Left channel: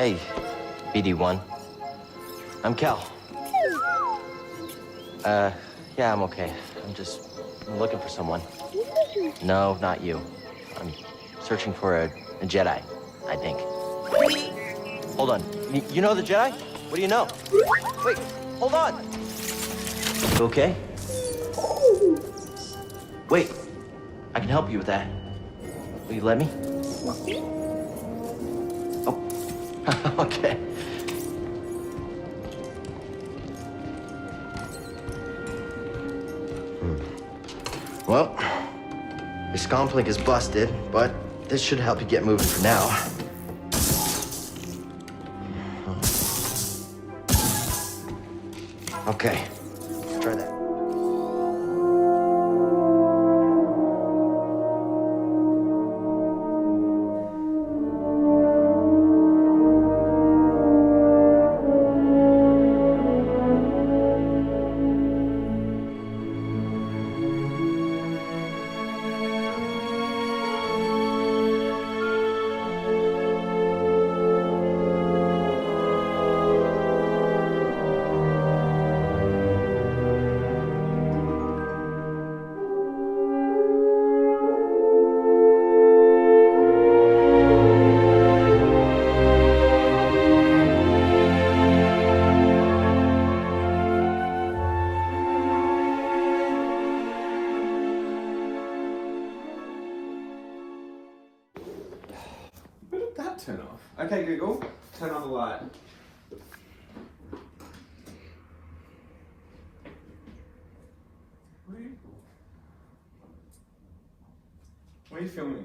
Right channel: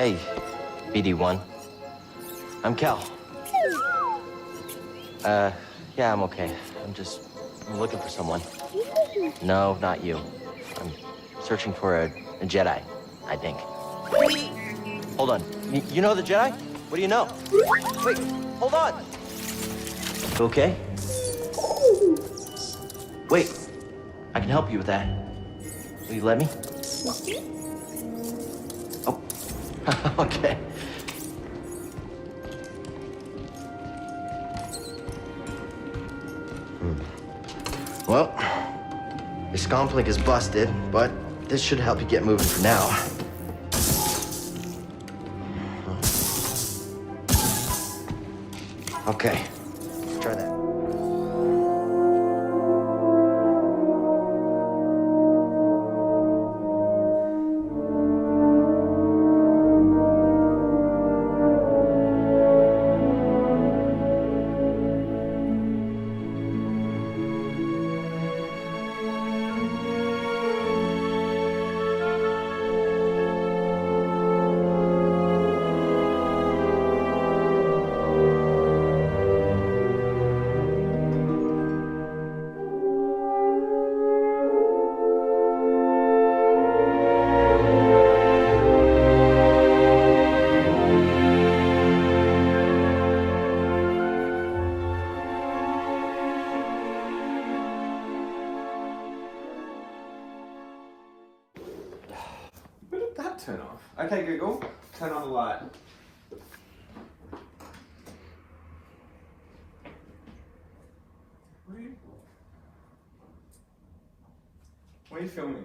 Hey, BD-1. I'm Cal. Yeah, I'm okay. I'm looking for someone. No, not you. I'm searching for a Jedi, I think. Hold on. You know the Jedi? What do you know? Wait, hold on. You okay? Wait, I can help you with that. Will you let me? Oh, okay. Well, your scomplink is busted, but this should help you get moving for now. Okay, try that. When did that turn off? Okay, Google, turn on the light. What are you filming?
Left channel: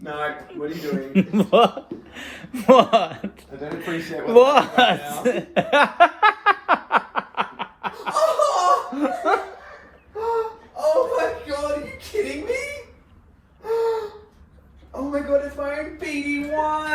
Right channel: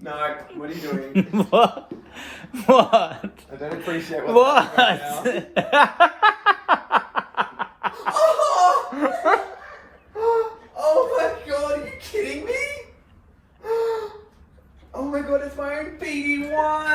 No, what are you doing? What? What? I don't appreciate what's happening right now. Oh my god, are you kidding me? Oh my god, it's my own BD-1!